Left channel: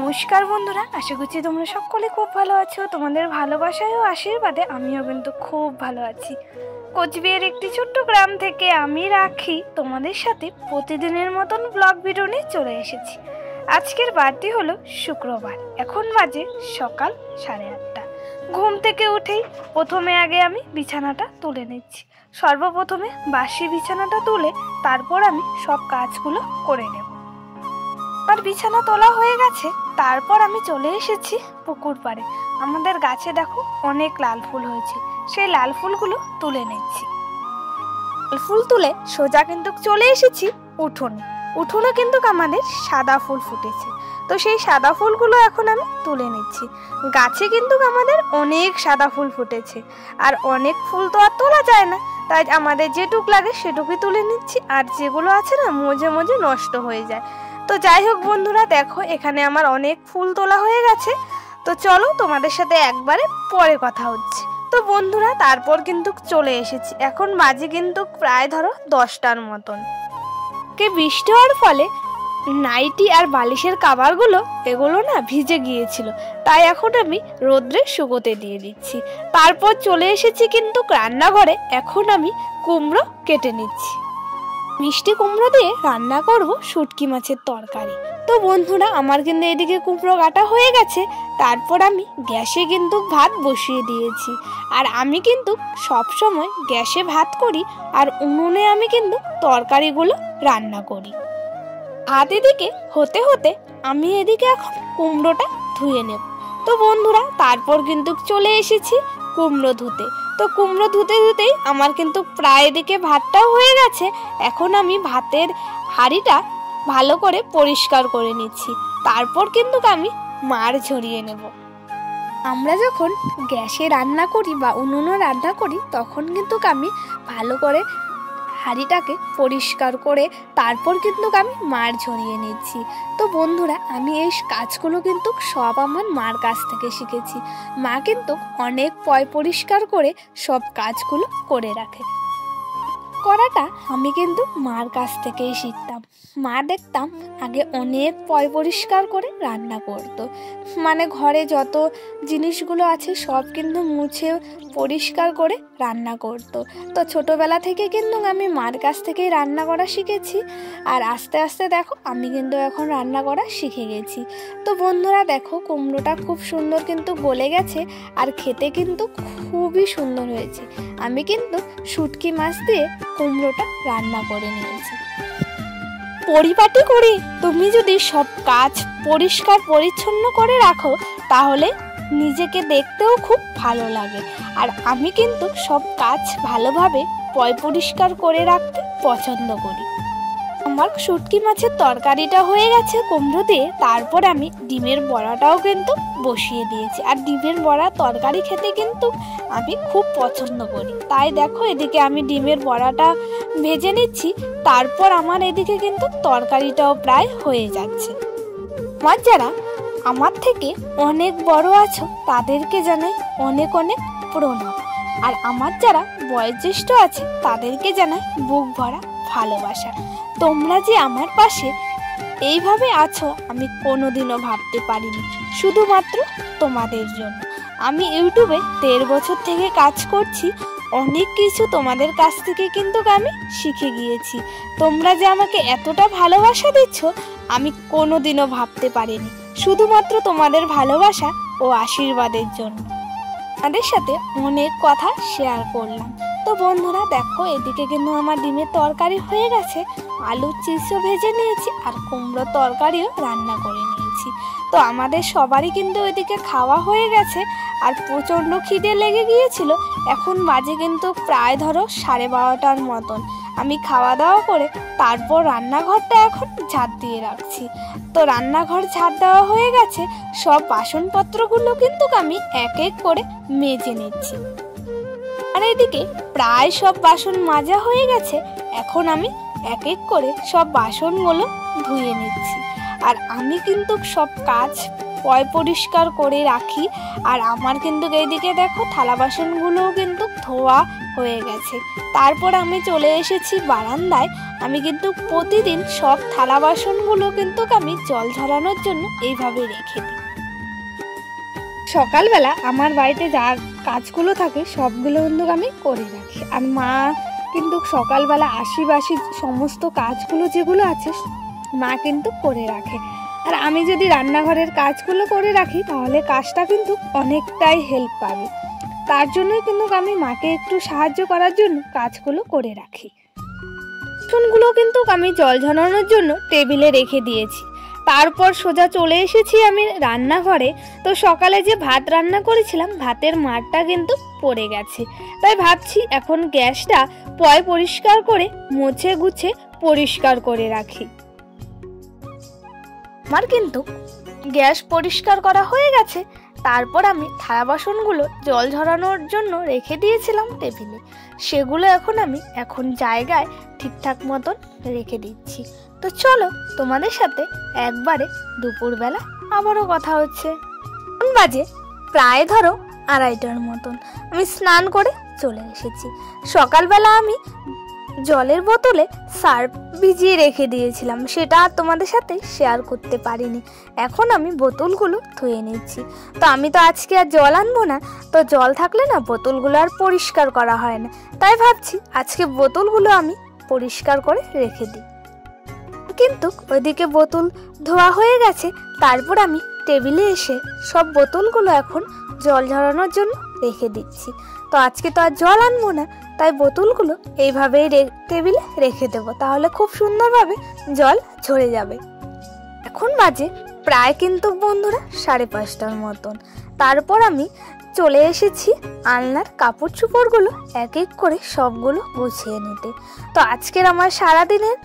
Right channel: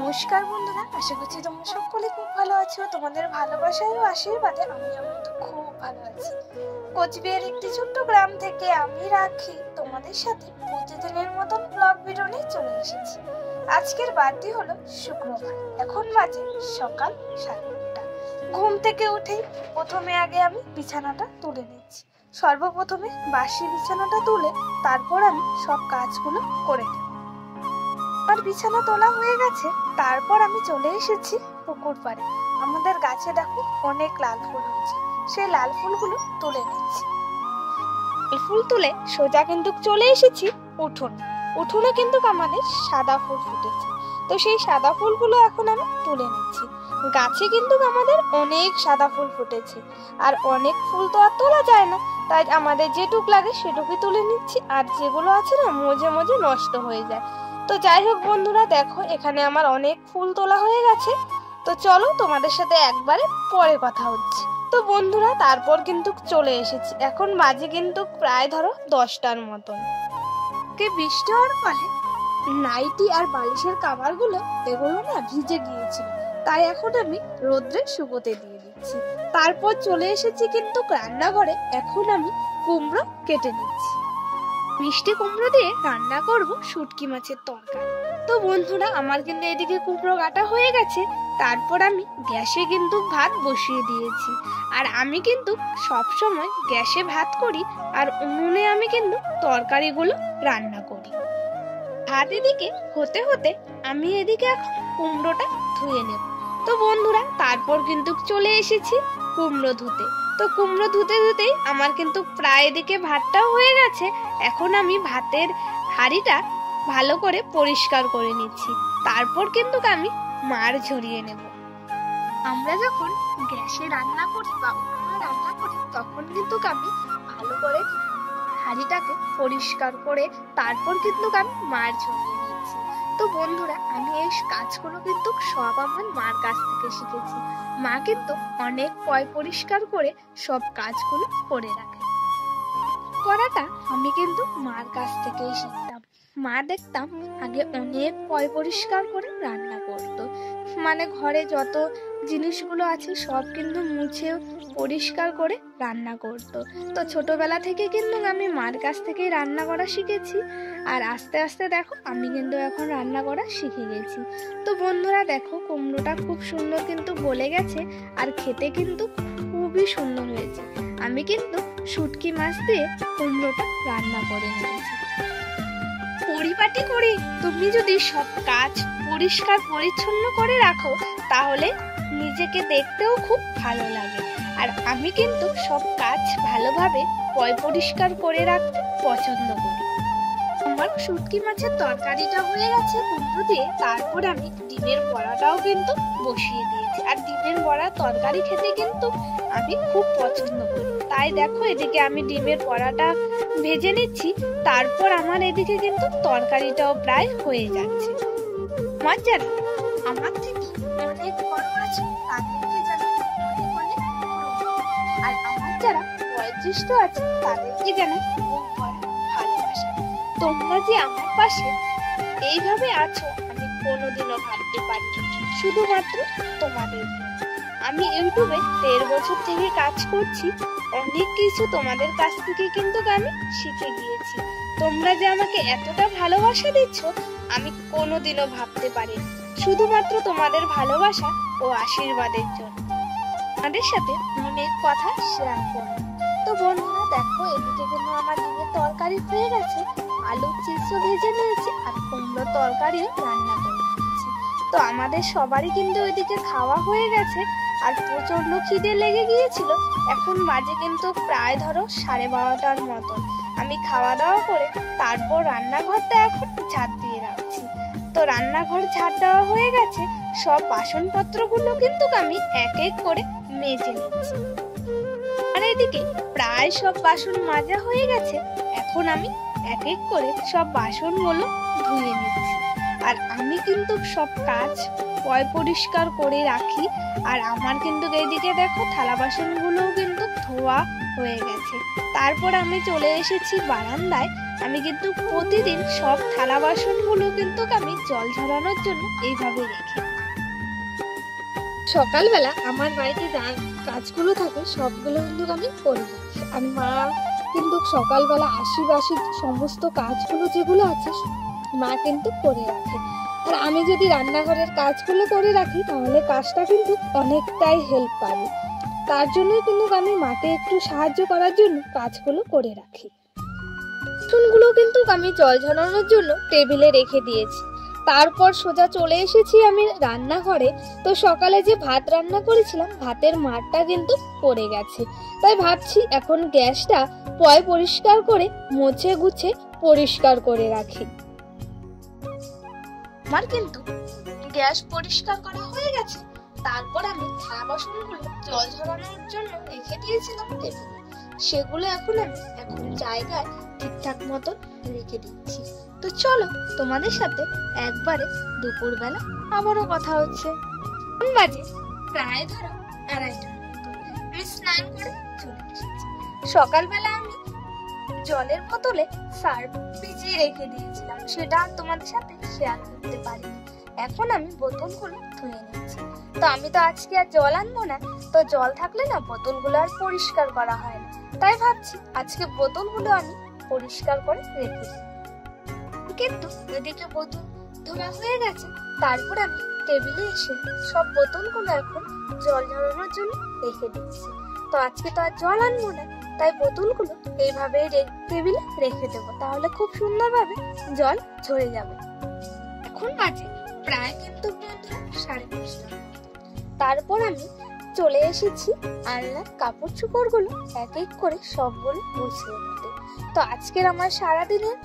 নমস্কার বন্ধুরা, আশা করছি তোমরা সকলে খুব ভালো আছো। তোমাদের ভালোবাসায় ও আশীর্বাদে আমিও কিন্তু খুব ভালো আছি। কোচবিহার একটি ছোট্ট গ্রাম থেকে আমি রাখি তোমাদের সাথে প্রতিদিনের মতন ব্লগ ভিডিও নিয়ে চলে এসেছি। আজকের বারটি হলো শুক্রবার, এখন বাজে সকাল 8:30। ঘুম থেকে উঠেই প্রথমে আমি বিছানাটা তুলে নিচ্ছি। সর্বপ্রথমে বাসি বিছানাটা তুলে তারপর আমি সব কাজগুলো করে নেব। আর বিছানা তোলা হয়ে গেছে, তারপর আমি চলে এসেছি পুকুর পাড়ে। আমাদের গাছে দেখো অনেক লাল ফুল হয়েছে, সেই লাল ফুলগুলো তুলে নিচ্ছি। লাল ফুল তুলে সোজা কিন্তু চলে এসেছি উঠোনে কিন্তু আমাদের সাদা ফুল ফুটেছে, তো সেই সাদা ফুলগুলো এখন আমি তুলে নিচ্ছি। গাছে কিন্তু আমাদের অনেক সাদা ফুল ফুটেছে, আর অনেক ফুল তো আর তোলা যায় না, তাই আমাদের যেটুক লাগে সেটুকুই তুলে নিচ্ছি। আর যেগুলো আছে না মজে মজে নষ্ট হয়ে যায়। তো যাই হোক বন্ধুরা, দেখো এখানে আমার অনেক ফুল তোলা হয়ে গেছে। তো চলো তোমাদের সাথে একবারে পরে কথা হচ্ছে। তো বন্ধুরা, তারপর কিন্তু চলে এসেছি, এখন বাজে কিন্তু প্রায় ধরো 10টার মতন। বৃষ্টি হওয়ার ফলে নাইটি আর বালিশের কাভারগুলো এগুলো না ভিজে গিয়েছিল, তাই এখন আমি রোদ্রে শুকোতে দিয়ে দিচ্ছি। তারপর চলে এসেছি কিন্তু রান্নাঘরে, এখন আমি কুমড়ো কেটে নিচ্ছি। মিষ্টি কুমড়ো দিয়ে রান্না করব শুটকি মাছের তরকারি। তো বন্ধুরা, আমার কিন্তু এদিকে কুমড়ো কাটা হয়ে গেছে। তারপর আমি গ্যাসে কিন্তু ভাত বসিয়ে দিয়েছি। আর আমি কিন্তু সবসময় গ্যাসে ভাত করি, আর উনুনে আমি কিন্তু তরকারিগুলো রান্না করি। ভাত এদিকে হতে হতে আমি এদিকে এখন কুমড়োটা ধুয়ে নেব। তো বন্ধুরা, তারপর কিন্তু চলে এসেছি কুমড়ো ধুতে। তো কুমড়ো ধুতে ধুতেই আমার কিন্তু প্রায় এদিকে ভাতটাও হয়ে গেছে। এখন আমি ভাতের হাঁড়িটা ভালো করে পরিষ্কার করে নিচ্ছি, তারপর কিন্তু আমি মাড় ঝরিয়ে নেব। আমরা যখন গ্যাসে রান্না করি বা উনুনে রান্না করি, তখন কিন্তু আমি ভালো করে হাঁড়িটাকে পরিষ্কার করে তারপর কিন্তু আমি মাড় ঝরিয়ে নিচ্ছি। তো বন্ধুরা, আমি এই কাজগুলো কিন্তু সব আমার মার কাছ থেকে শিখেছি। মা কিন্তু অনেক পরিষ্কার করে সব কাজগুলো করে রাখে। করাটা আমি কিন্তু মার কাছ থেকেই শিখতাম। মা দেখতাম আগে অনেক পরিষ্কার করে রান্না করতো, মানে ঘরে যত জিনিসগুলো আছে সব কিন্তু মুছে পরিষ্কার করে রান্না করতো। তো ছোটবেলা থেকে কিন্তু আমি মার কাছ থেকেই রান্না করা শিখেছি। আর আস্তে আস্তে দেখো আমি কিন্তু এখন রান্না করা শিখে গেছি। তো বন্ধুরা দেখো, কুমড়োটা খুব সুন্দর কিন্তু গলে গেছে, আর খেতে কিন্তু খুবই সুন্দর হয়েছে। আমি কিন্তু শুটকি মাছ দিয়ে কুমড়োটা রান্না করে নিয়েছি। পরিপাটি করে তুমি যদি সব কাজ পরিষ্কার পরিচ্ছন্ন করে রাখো, তাহলে নিজেকে দেখতেও খুব ভালো লাগে। আর আমি কিন্তু সব কাজ ভালোভাবে পরিষ্কার করে রাখতে পছন্দ করি। আমার শুটকি মাছের তরকারিটা হয়ে গেছে কুমড়ো দিয়ে। তারপর আমি ডিমের বড়াটাও কিন্তু বসিয়ে দিয়েছি। আর ডিমের বড়া তরকারি খেতে কিন্তু আমি খুব পছন্দ করি, তাই দেখো এদিকে আমি ডিমের বড়াটা ভেজে নিচ্ছি। তারপর আমার এদিকে কিন্তু তরকারিটাও প্রায় হয়ে যাচ্ছে। আমার যারা আমার থেকে অনেক বড় আছো, তাদেরকে জানাই অনেক অনেক প্রণাম। আর আমার যারা বয়োজ্যেষ্ঠ আছে, তাদেরকে জানাই বুক ভরা ভালোবাসা। তোমরা যে আমার পাশে এইভাবে আছো, আমি কোনোদিনও ভাবতে পারিনি। শুধুমাত্র তোমাদের জন্য আমি ইউটিউবে 13 বছর থেকে কাজ করছি। অনেক কিছু তোমাদের কাছ থেকে কিন্তু আমি শিখে গিয়েছি। তোমরা যে আমাকে এতটা ভালোবাসা দিচ্ছ, আমি কোনোদিনও ভাবতে পারিনি। শুধুমাত্র তোমাদের ভালোবাসা ও আশীর্বাদের জন্য আমাদের সাথে অনেক কথা শেয়ার করলাম। তো বন্ধুরা দেখো, এদিকে কিন্তু আমার ডিমের তরকারি হয়ে গেছে, আলুর চিপসও ভেজে নিয়েছি, আর কুমড়োর তরকারিও রান্না করে নিয়েছি। তো আমাদের সবারই কিন্তু এদিকে খাওয়া হয়ে গেছে, আর প্রচণ্ড খিদে লেগে গিয়েছিল। এখন বাজে কিন্তু প্রায় ধরো 12:30টার মতন। আমি খাওয়া দাওয়া করে তারপর রান্নাঘরটা এখন ঝাড় দিয়ে রাখছি। তো রান্নাঘর ঝাড় দেওয়া হয়ে গেছে, সব বাসনপত্রগুলো কিন্তু আমি এক এক করে মেজে নিচ্ছি। আর এদিকে প্রায় সব বাসন মাজা হয়ে গেছে, এখন আমি এক এক করে সব বাসনগুলো ধুয়ে নিচ্ছি। আর আমি কিন্তু সব কাজ পরিষ্কার করে রাখি। আর আমার কিন্তু এইদিকে দেখো থালা বাসনগুলোও কিন্তু ধোয়া হয়ে গেছে। তারপর আমি চলে এসেছি বারান্দায়। আমি কিন্তু প্রতিদিন সব থালা বাসনগুলো কিন্তু আমি জল ঝরানোর জন্য এইভাবে রেখে দিই। সকালবেলা আমার বাড়িতে যা কাজগুলো থাকে সবগুলো কিন্তু আমি করে রাখি। আর মা কিন্তু সকালবেলা আশিবাসি সমস্ত কাজগুলো যেগুলো আছে মা কিন্তু করে রাখে। আর আমি যদি রান্নাঘরের কাজগুলো করে রাখি তাহলে কাজটা কিন্তু অনেকটাই হেল্প পাবে। তার জন্যই কিন্তু আমি মাকে একটু সাহায্য করার জন্য কাজগুলো করে রাখি। বাসনগুলো কিন্তু আমি জল ঝরানোর জন্য টেবিলে রেখে দিয়েছি। তারপর সোজা চলে এসেছি আমি রান্নাঘরে। তো সকালে যে ভাত রান্না করেছিলাম ভাতের মারটা কিন্তু পড়ে গেছে, তাই ভাবছি এখন গ্যাসটা পরিষ্কার করে মুছে গুছে পরিষ্কার করে রাখি। আমার কিন্তু গ্যাস পরিষ্কার করা হয়ে গেছে। তারপর আমি থালা বাসনগুলো জল ঝরানোর জন্য রেখে দিয়েছিলাম টেবিলে, সেগুলো আমি জায়গায় ঠিকঠাক মতন রেখে দিচ্ছি। তো চলো তোমাদের সাথে একবারে দুপুরবেলা আবারও কথা হচ্ছে। বাজে প্রায় ধরো 2:30টার মতন। আমি স্নান করে চলে এসেছি। সকালবেলা আমি জলের বোতলে সার্ফ ভিজিয়ে রেখে দিয়েছিলাম, সেটা আর তোমাদের সাথে শেয়ার করতে পারিনি। এখন আমি বোতলগুলো ধুয়ে নিচ্ছি। তো আমি তো আজকে আর জল আনবো না, তো জল থাকলে না বোতলগুলো আর পরিষ্কার করা হয় না, তাই ভাবছি আজকে বোতলগুলো আমি পরিষ্কার করে রেখে দিই। কিন্তু ওইদিকে বোতল ধোয়া হয়ে গেছে। তারপর আমি টেবিলে এসে সব বোতলগুলো এখন জল ঝরানোর জন্য রেখে দিচ্ছি। তো আজকে তো আর জল আনবো না, তাই বোতলগুলো এইভাবেই টেবিলে রেখে দেবো, তাহলে খুব সুন্দরভাবে জল ঝরে যাবে। এখন বাজে প্রায় কিন্তু বন্ধুরা 5:30টার মতন। তারপর আমি চলে এসেছি আলনার কাপড় চোপড়গুলো এক এক করে সবগুলো গুছিয়ে নিতে। তো আজকের আমার সারাদিনের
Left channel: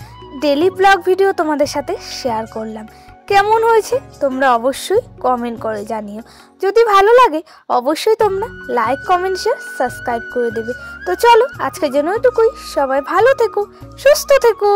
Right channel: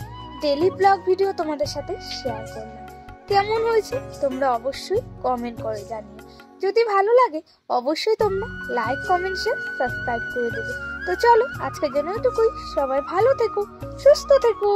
ডেলি ব্লগ ভিডিও তোমাদের সাথে শেয়ার করলাম। কেমন হয়েছে তোমরা অবশ্যই কমেন্ট করে জানিও। যদি ভালো লাগে অবশ্যই তোমরা লাইক কমেন্ট শেয়ার সাবস্ক্রাইব করে দেবে। তো চলো আজকের জন্য এটুকুই। সবাই ভালো থেকো, সুস্থ থেকো।